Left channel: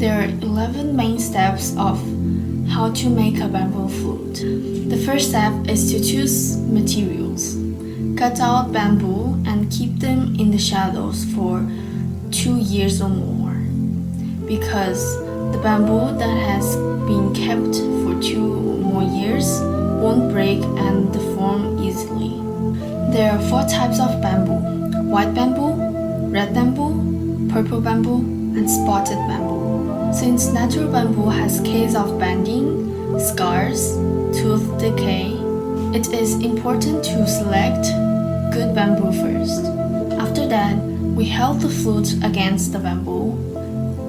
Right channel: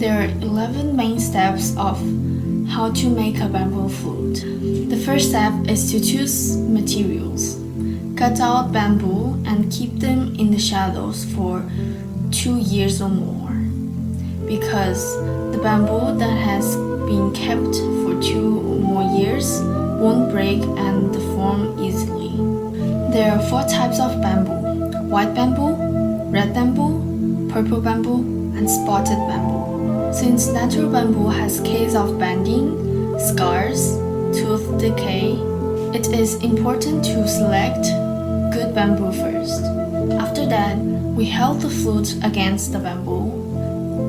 There are 11 main steps of how to make a bamboo flute. The first step is to choose materials. Cut out bamboo and keep them in the shadows for 2 years or more, because the bamboo that has been kept for 2 or more years won't break and deform easily. There are 4 types of bamboo: white bamboo, red bamboo, purple bamboo, and spotted bamboo. Since natural bamboo has case of bending, scars, tooth decay, it is important to select good bamboo first. After that, we held the flute against the bamboo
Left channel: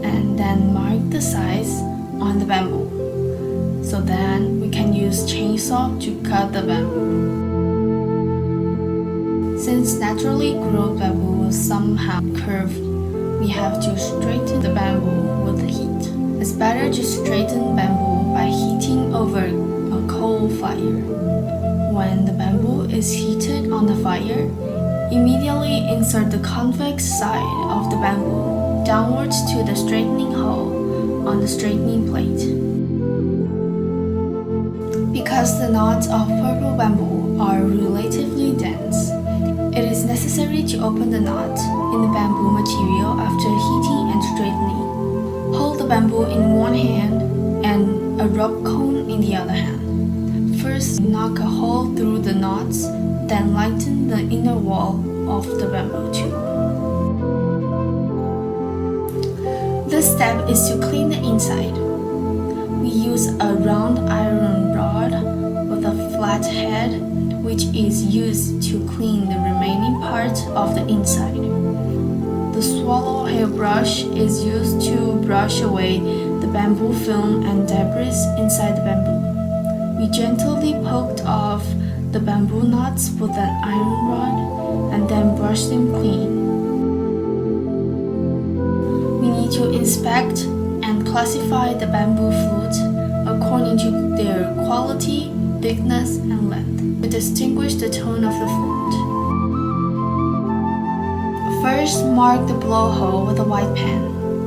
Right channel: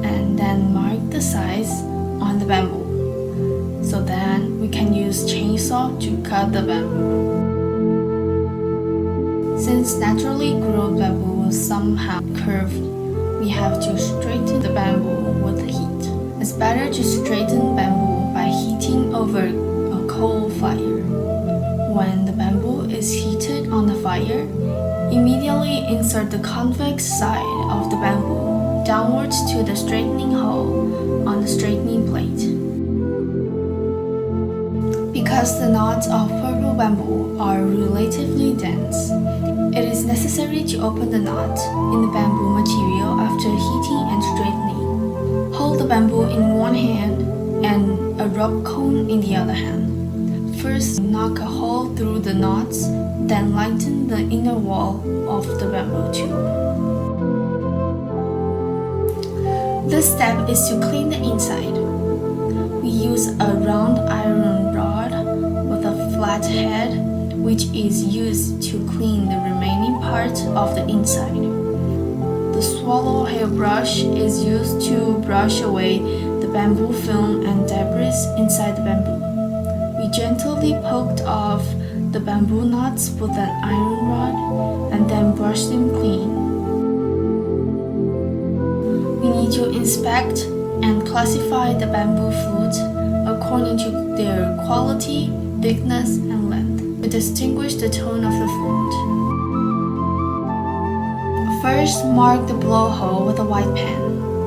and then mark the size on the bamboo. So then we can use chainsaw to cut the bamboo. Since naturally grown bamboo will somehow curve, we have to straighten the bamboo with heat. It's better to straighten bamboo by heating over a coal fire. When the bamboo is heated on the fire, immediately insert the convex side of the bamboo downwards to the straightening hole on the straightening plate. Because the knots of purple bamboo are relatively dense, it is necessary to open the knot in the bamboo material after heating and straightening. Hold the bamboo in one hand and a rope cone in the other hand. First, knock a hole through the knots, then lighten the inner wall of the bamboo tube. This step is to clean the inside. We use a round iron rod with a flat head, which is used to clean the remaining part of the inside. The swallow hairbrush is used to brush away the bamboo film and debris inside the bamboo. We gently poked off the bamboo knots with an iron rod and then brush them clean. We need to inspect and classify the bamboo flutes according to their quality, thickness, and length to distinguish the tone of the flute. First, mark the blowhole with a white pen.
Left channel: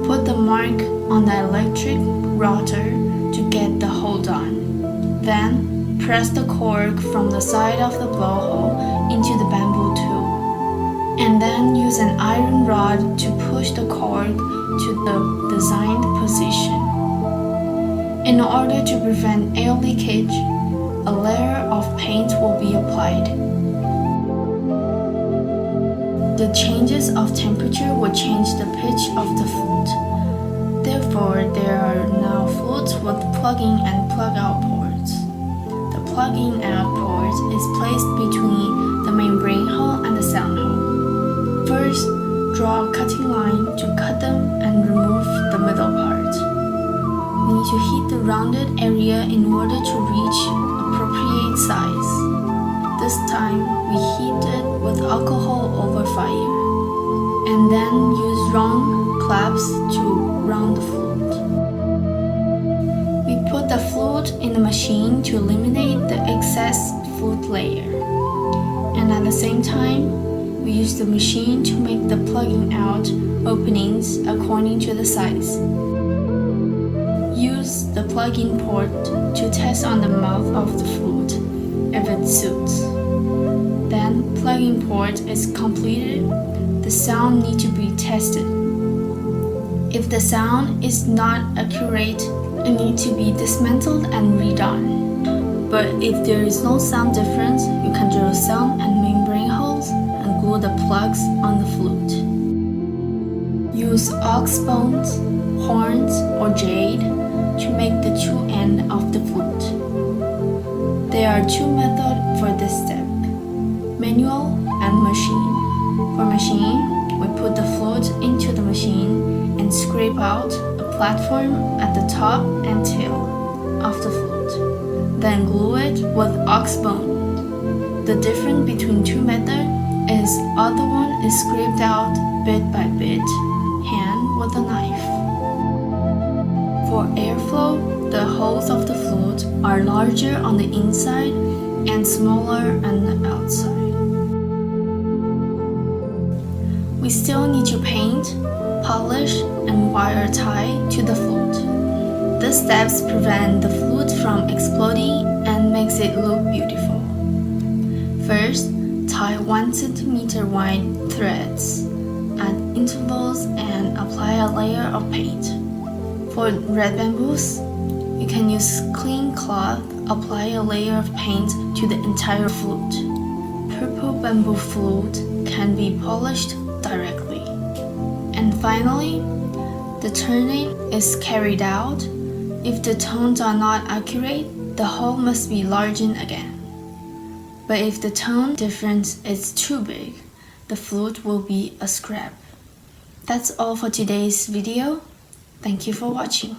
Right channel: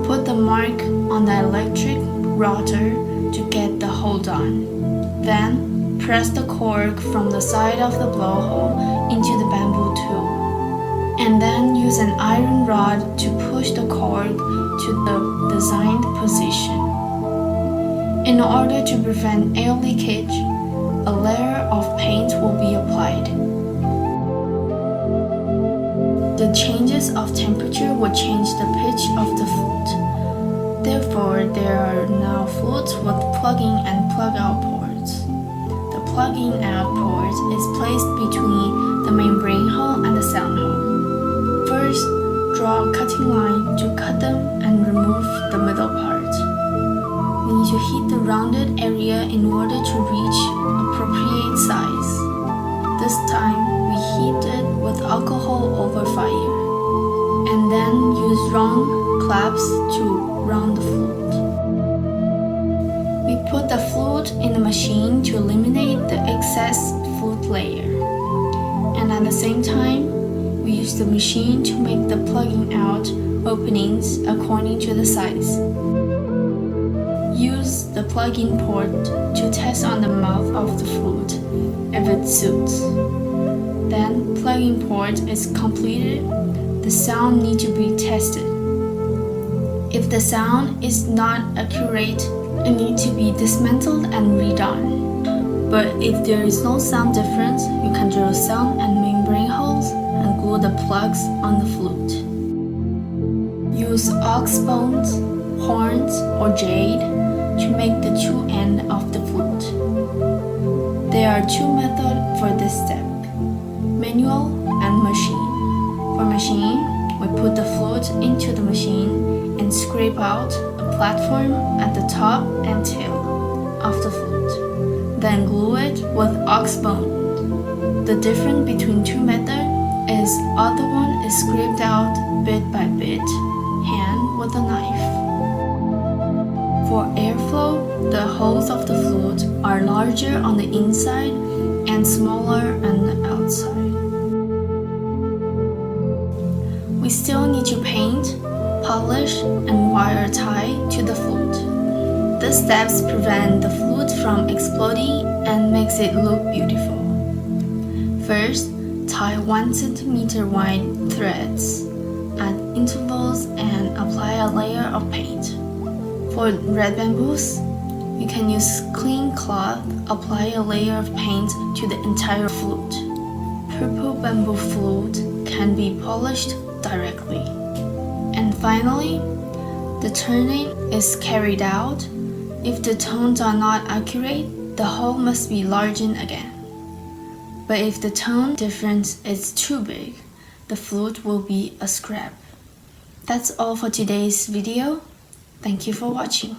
Put the mark on the electric rotor to get the hole done. Then, press the cork from the side of the blowhole into the bamboo tube. And then use an iron rod to push the cork to the designed position. In order to prevent air leakage, a layer of paint will be applied. The changes of temperature will change the pitch of the flute. Therefore, there are now flutes with plug-in and plug-out ports. The plug-in out port is placed between the membrane hole and the sound hole. First, draw a cutting line to cut them and remove the middle part. We need to heat the rounded area in order to reach appropriate size. This time, we heat it with alcohol over fire, and then use round clamps to round the flute. We put the flute in the machine to eliminate the excess flute layer, and at the same time, we use the machine to make the plugging out openings according to the size. Use the plug-in port to test on the mouth of the flute if it suits. Then, plug-in port is completed, the sound needs to be tested. If the sound is not accurate, it needs to be dismantled and redone. But if there is no sound difference, you can drill sound and membrane holes and glue the plugs on the flute. Use ox bones, horns, or jade to make the true end of the flute. There are 2 methods for this step: manual and machine. For machine, we put the flute into the machine and scrape out a platform at the top and tail of the flute. Then glue it with ox bone. The difference between 2 methods is other one is scraped out bit by bit, hand with a knife. For airflow, the holes of the flute are larger on the inside and smaller on the outside. We still need to paint, polish, and wire tie to the flute. These steps prevent the flute from exploding and makes it look beautiful. First, tie 1 cm wide threads at intervals and apply a layer of paint. For red bamboos, you can use clean cloth, apply a layer of paint to the entire flute. Purple bamboo flute can be polished directly. And finally, the turning is carried out. If the tones are not accurate, the hole must be largened again. But if the tone difference is too big, the flute will be a scrap. That's all for today's video. Thank you for watching.